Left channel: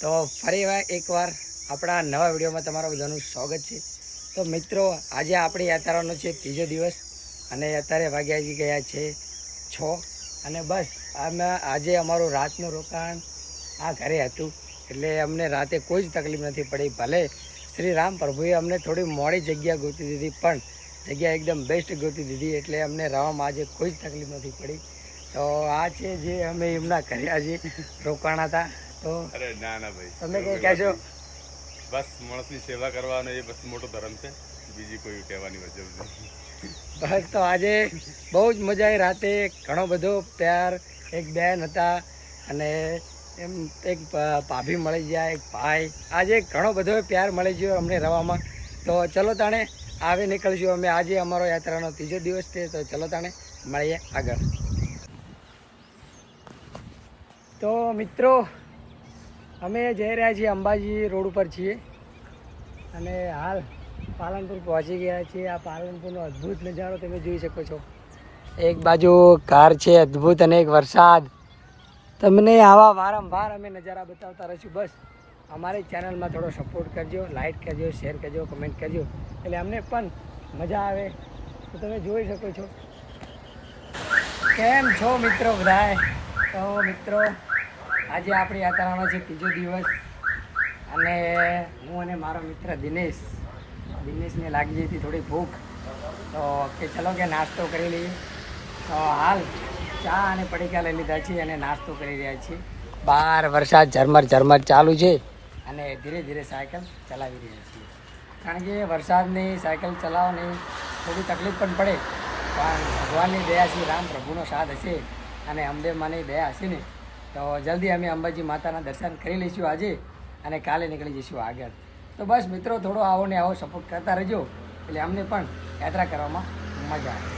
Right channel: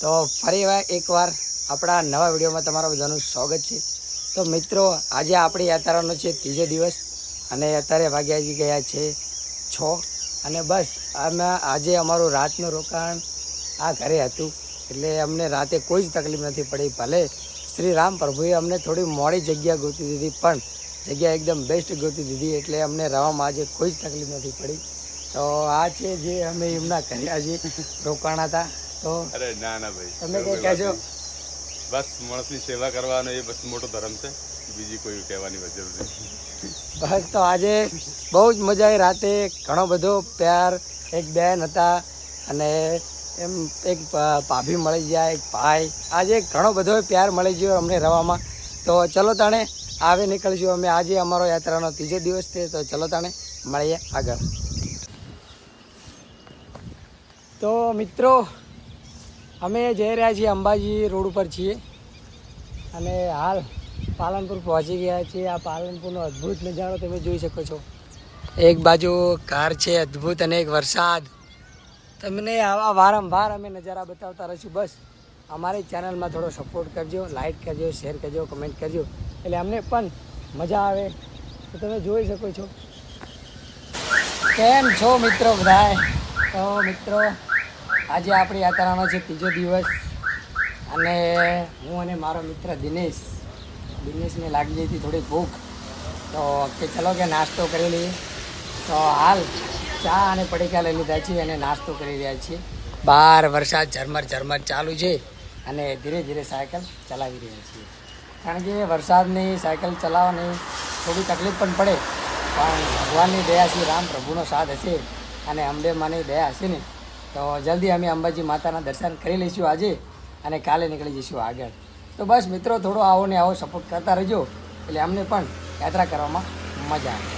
તો ફરી વાર એકવાર આપણા નવા વિડીયોમાં તમારા બધાનું સ્વાગત છે. તો મિત્રો, આજે આપણી યાત્રાનો છે ત્રીજો દિવસ અને અત્યારે વાગ્યા ગયા છે છ અને બસ આમાં આજે અમારું રાતનું રોકાણ આ ઘરે હતું. એટલે અમને રાતે કોઈ જ તકલીફ નથી પડી. ભલે શ્રી રામ પ્રભુએ અમને થોડી મોડી જગ્યા ગોતી દીધી, પણ જગ્યા એકદમ બેસ્ટ ગોતી દીધી એટલે અમને રહેવામાં આજે કોઈ જ તકલીફ નથી પડી. તો આ છે જે અમે એમના ઘરે આજે રોકાણા હતા. અરે ના ના ભાઈ. તમે કઈ કહેજો બસ માણસની સેવા કરવાનો એ બસ મોટો ધર્મ છે. બીજી કોઈ કહેવાની જરૂર નથી. બસ તો આજે બહુ જ મજા આવી. રાતે ઘણો બધો પ્યાર એક બેન હતા અને એમ એક ભાભી મળી ગયા એક ભાઈ. આજે ઘણો બધો પ્યાર મળી ગયો અમને રવામાં તો ચલો તાણે આવે નીકળશું અમે. આજે અમારો યાત્રાનો ત્રીજો દિવસ છે તો ચલો તાણે મળીએ આગળ. તો મિત્રો અમે જઈ રહ્યા છીએ અંબાજી રોડ ઉપર છીએ. અને હાલ પાલનપુર પહોંચી ગયા છીએ. આ પાલનપુરનો અદ્ભુત નજારો તમે જોઈ શકો છો. એક બાજુ કાર છે, અદ્ભુત અને એક વરસાદ. તમને આવા વારંવાર અમે નજારા બતાવતા રહીશું. બસ, અમારી ચેનલમાં થોડો સપોર્ટ કરજો લાઇક કરજો શેર કરજો કમેન્ટ કરજો. એટલે અમને પણ મજા આવે. તો તમે જોઈ શકો છો. કેમ છો મિત્રો બધાએ તો મિત્રો આજે આપણી યાત્રાનો છે ત્રીજો દિવસ અને હું અને મારો મિત્ર દિનેશ, દિનેશને લાગી હતી થોડી ભૂખ. તો કે ચલો કે નાસ્તો કરી લઈએ. તો હાલ ચા અને પડીકા લઈ લીધા છીએ અને નાસ્તો કરી રહ્યા છીએ. બહાર વરસાદ ઝરમર ઝરમર ચાલુ છે અને ધીરે ધીરે સાયકલ ચલાવી રહ્યા છીએ. કારણ કે વરસાદની સાયકલ ચલાવવાની થોડી તકલીફ પણ પડે. પણ ભગવાનની દયા શ્રી રામ પ્રભુનો સાથ હશે અને અંબે માની દયા હશે ને. તો જલ્દી અમે અંબાજી માતાના દર્શન કરી લઈશું આજે અને કાલે નીકળી જઈશું આગળ. તો બસ મિત્રો, થોડો આવો ને આવો સપોર્ટ કરતા રહેજો. એટલે અમને પણ યાત્રા કરવામાં મજા આવે.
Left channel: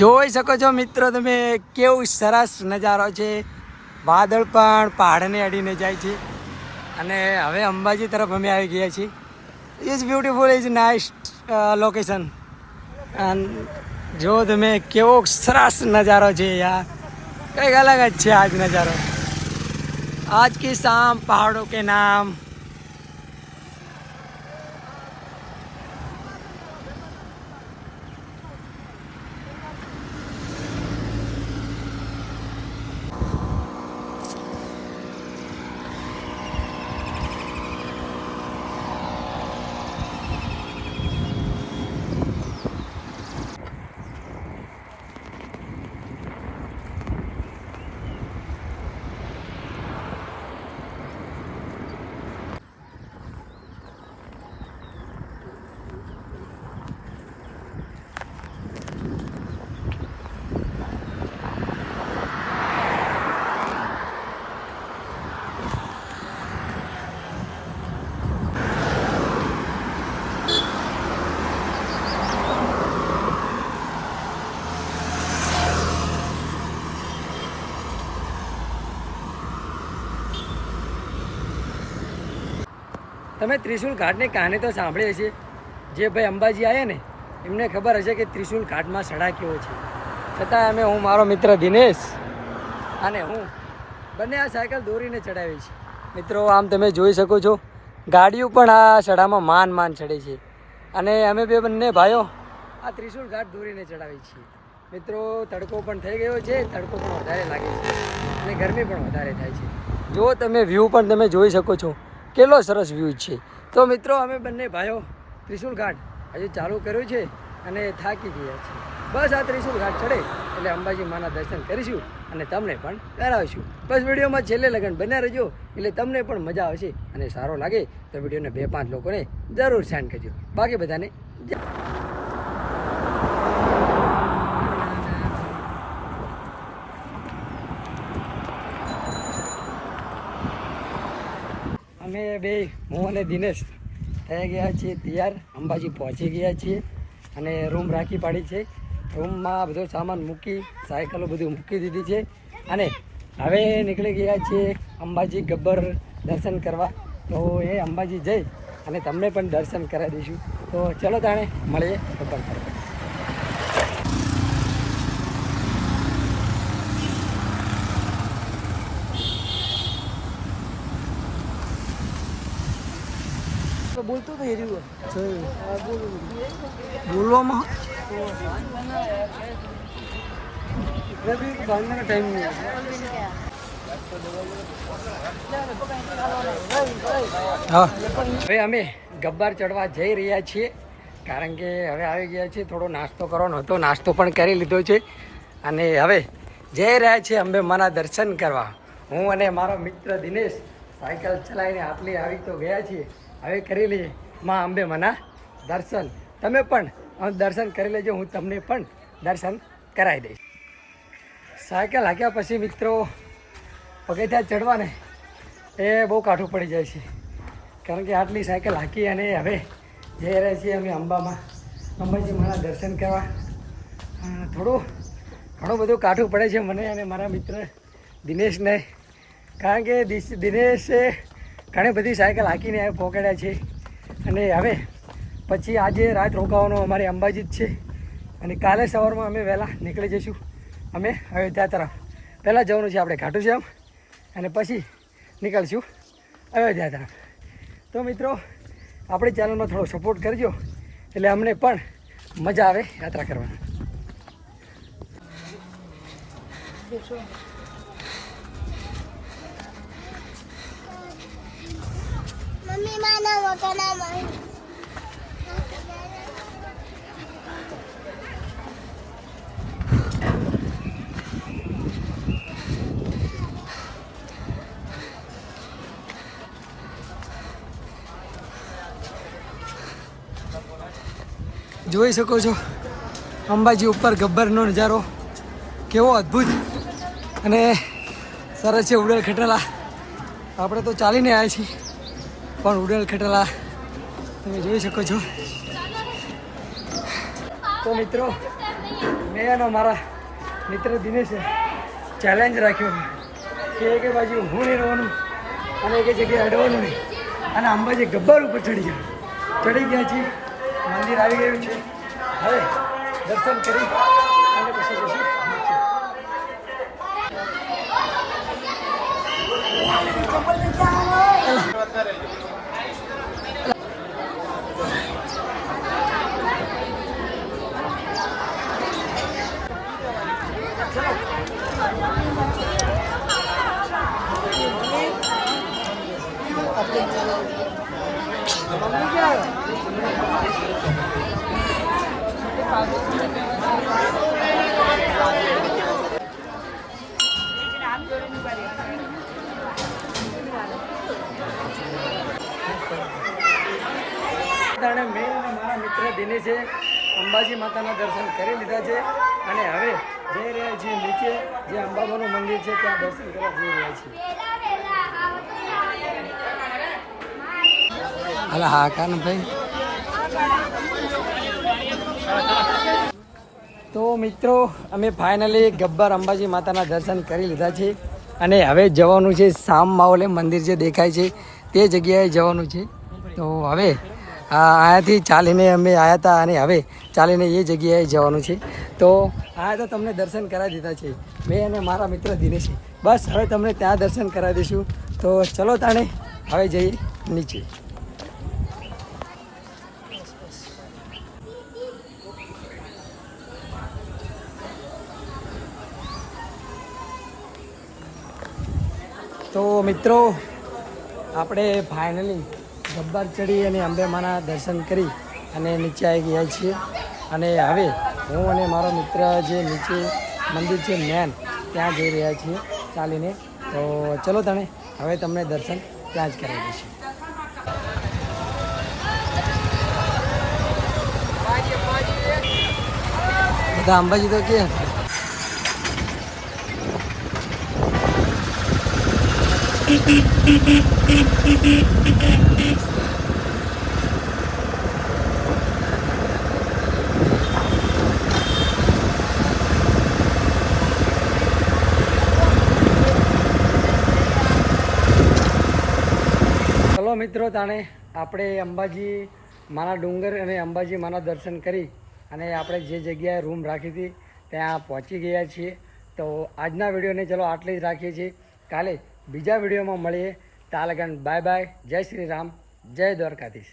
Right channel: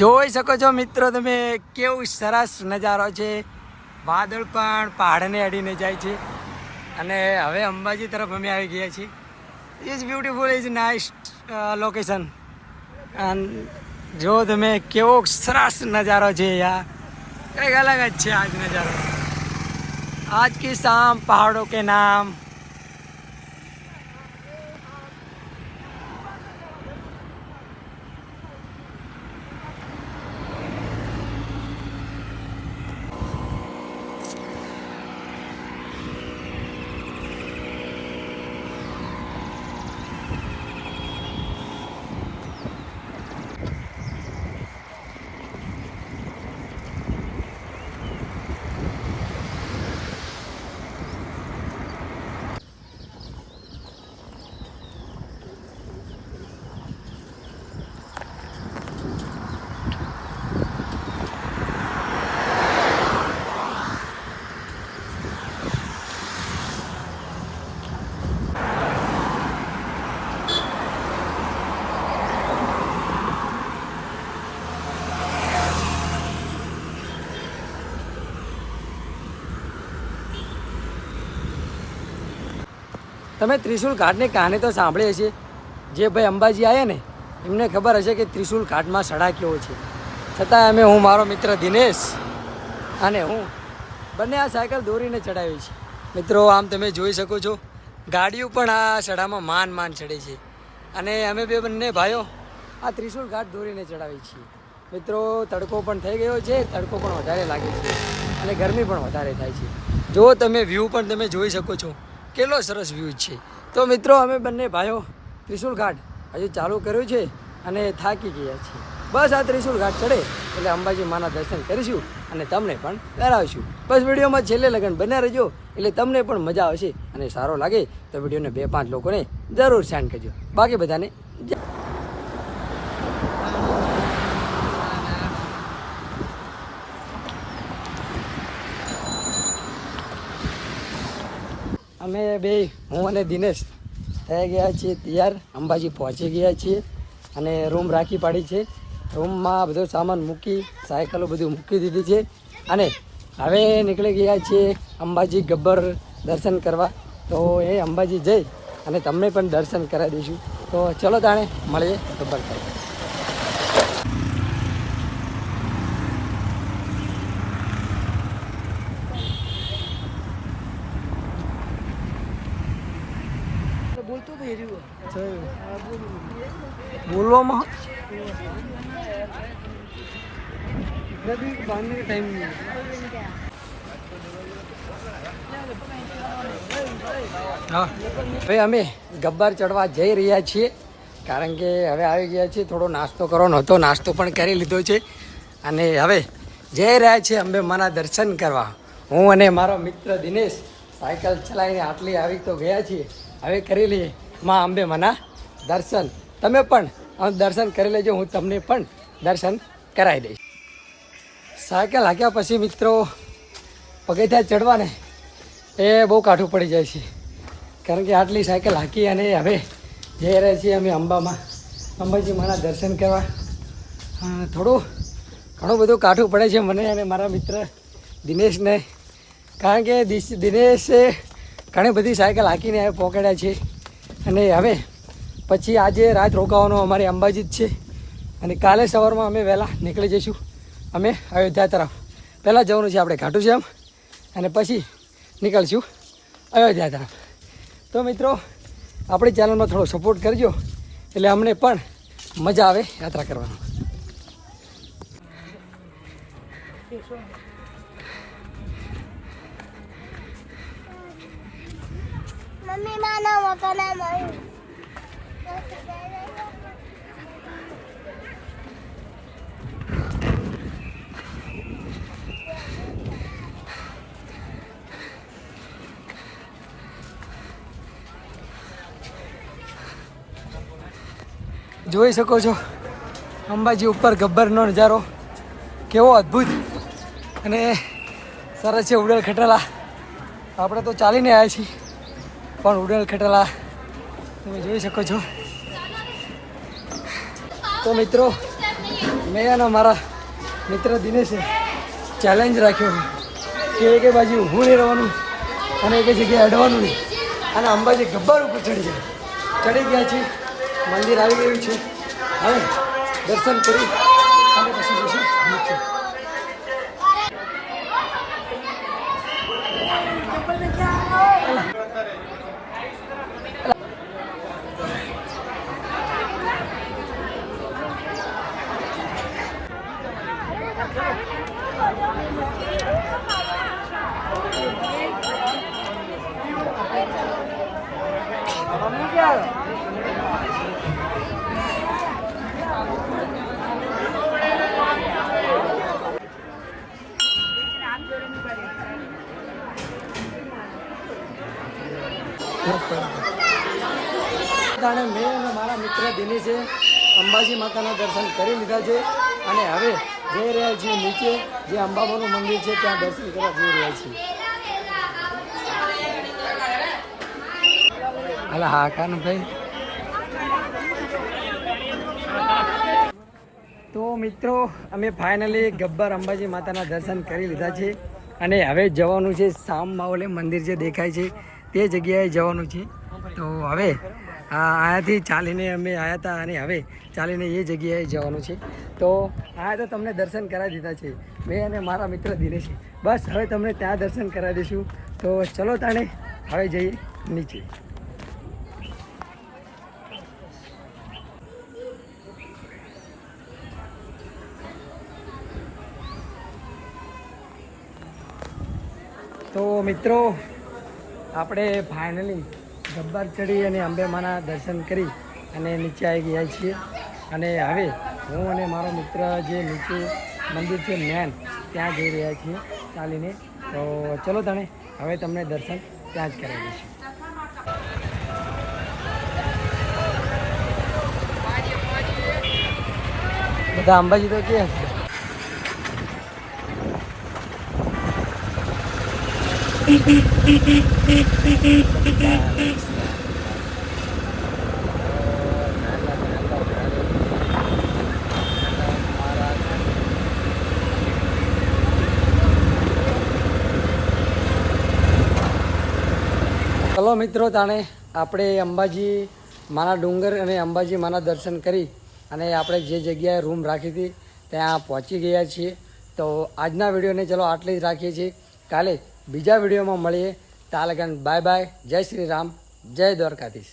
જોઈ શકો છો મિત્રો, તમે કેવું સરસ નજારો છે. વાદળ પણ પહાડને અડીને જાય છે. અને હવે અંબાજી તરફ અમે આવી ગયા છીએ. Is beautiful is nice location જો તમે, કેવો સરસ નજારો છે યાર. કંઈક અલગ જ છે આજ નજારો. આજ કી શામ પહાડો કે નામ. તમે ત્રિશુલ ઘાટની કહાની તો સાંભળી હશે? જે ભાઈ અંબાજી આવ્યા ને, એમને ખબર હશે કે ત્રિશુલ ઘાટમાં સડા કેવો છે. છતાં અમે હું, મારો મિત્ર દિનેશ અને હું બંને આ સાયકલ દોરીને ચડાવી છે મિત્રો, આમ તમે જોઈ શકો છો, ગાડીઓ પણ આ સડામાં માન માન ચડે છે. અને અમે બે બંને ભાઈઓ આ ત્રિશુલ ઘાટ દોરીને ચડાવી છીએ. મિત્રો, તડકો પણ થઈ ગયો છે, તડકો પણ વધારે લાગે છે અને ગરમી પણ વધારે થાય છે. જો તમે વ્યૂ પણ તમે જોઈ શકો છો કેટલો સરસ વ્યૂ છે. તો મિત્રો, અમે બંને ભાઈઓ ત્રિશુલ ઘાટ હજુ ચાલુ કર્યું છે અને થાકી ગયા છીએ. બસ આ ત્રિશુલ ઘાટ ચડે એટલે અંબાજી માના દર્શન કરીશું અને તમને પણ કરાવીશું બસ વિડીયોમાં છેલ્લે લગન બન્યા રહેજો એટલે તમને પણ મજા આવશે અને સારો લાગે તો વિડીયોને બે પાંચ લોકોને જરૂર સેન્ડ કરજો. બાકી બધાને અમે બે, હું અને દિનેશ થઈ ગયા છીએ તૈયાર. અંબાજી પહોંચી ગયા છીએ અને રૂમ રાખી પાડી છે. રૂમમાં બધો સામાન મૂકી, સાયકલો બધું મૂકી દીધી છે. અને હવે નીકળી ગયા છીએ અંબાજી ગબ્બર દર્શન કરવા. તો એ અંબાજી જઈ અને તમને પણ દર્શન કરાવી દઈશું. તો ચલો તાણે મળીએ ગબ્બર કરવા બોલતો તો એર્યું બોલવામાં? ટાઈમ નહીં હા. હવે અમે ગબ્બર ચડવા જઈ રહ્યા છીએ કારણ કે હવે આવી ગયા છીએ થોડો નાસ્તો કરવાનો હતો નાસ્તો પણ કરી લીધો છે. અને હવે જઈ રહ્યા છીએ અમે મારા દર્શન કરવા. હું અને મારો મિત્ર દિનેશ સાયકલ ચલાવીને આટલી આવી તો ગયા છીએ. હવે કરી લઈએ માં અંબે માના દર્શન. તમે પણ દર્શન કરી લેજો, હું તમને પણ દર્શન કરાવી દઈશ. સાયકલ હાંક્યા પછી મિત્રો, પગથિયા ચડવાને એ બહુ કાઠું પડી જાય છે. કારણ કે આટલી સાયકલ હાંકી અને હવે જઈ રહ્યા છીએ અમે અંબામાં. અંબાજી મારા દર્શન કરવા. થોડું ઘણું બધું કાઠું પડે છે મને અને મારા મિત્ર દિનેશને. કારણ કે દિનેશે ઘણી બધી સાયકલ હાંકીને પહોંચાડ્યા છે. અને હવે પછી આજે રાત રોકાવાનો અમારે અંબાજી જ છે. અને કાલે સવારમાં અમે વહેલા નીકળી જઈશું. અમે અયોધ્યા તરફ. પહેલાં જવાનું છે આપણે ઘાટું શ્યામ અને પછી નીકળશું અયોધ્યા તરફ. તો મિત્રો, આપણી ચેનલમાં થોડો સપોર્ટ કરજો. એટલે અમને પણ મજા આવે યાત્રા કરવાની. મમ્મી માના મોટો ના મળ્યું જોઈ શકો છો, અંબાજી ઉપર ગબ્બરનો નજારો કેવો અદ્ભુત અને સરસ છે ઉડેલ ખટેલા. આપણે તો ચાલીને આવ્યા છીએ. પણ ઉડેલ ખેટેલા તમે જોઈ શકો છો. તો મિત્રો, મેં અને મારા મિત્ર દિનેશે ચેલેન્જ રાખ્યો કે એક બાજુ હું નહીં રહેવાનું અને એક જગ્યાએ અડવાનું નહીં. અને અંબાજી ગબ્બર ઉપર ચડી ગયા. ચડી ગયા છે, મંદિર આવી ગયું છે. હવે દર્શન કરી અને પછી જઈશું નીચે. જાણે મેં અને મારા મિત્ર દિનેશે અંબાજી માતાના દર્શન કરી લીધા છે અને હવે જઈ રહ્યા છીએ નીચે, જે અંબાબાનું મંદિર છે, ત્યાં દર્શન કરવા જઈ રહ્યા છીએ. હાલા, હા કાનભાઈ તો મિત્રો, અમે ફાઇનલી ગબ્બર અંબાજી માતાના દર્શન કરી લીધા છે અને હવે જવાનું છે સામ માવલે મંદિર જે દેખાય છે, તે જગ્યાએ જવાનું છે. તો હવે અહીંયાથી ચાલીને અમે આવ્યા હતા અને હવે ચાલીને એ જગ્યાએ જવાનું છે. તો આ તો તમને દર્શન કરાવી દીધા છે. મેં અને મારા મિત્ર દિનેશ બસ, હવે તમને ત્યાં દર્શન કરાવી દઈશું. તો ચલો તાણે, હવે જઈએ નીચે. તો મિત્રો, આપણે ફાઇનલી ગબ્બર ચડી અને અંબેમાના દર્શન કરી અને નીચે આવી ગયા છીએ. અને હવે હું અને મારો મિત્ર જે નીચે મંદિર છે મેન ત્યાં જઈ રહ્યા છીએ ચાલીને. તો ચલો તણે, હવે તમને દર્શન ત્યાં જ કરાવી દઈશું. બધા અંબાજી તો કે. ચલો મિત્રો, તાણે આપણે અંબાજી માના ડુંગર અને અંબાજી માના દર્શન કરી અને આપણે જે જગ્યાએ રૂમ રાખી હતી, ત્યાં પહોંચી ગયા છીએ. તો આજના વિડીયોને ચલો આટલી જ રાખીએ છીએ. કાલે બીજા વિડીયોમાં મળીએ. તાલગન બાય બાય. જય શ્રી રામ. જય દ્વારકાધીશ.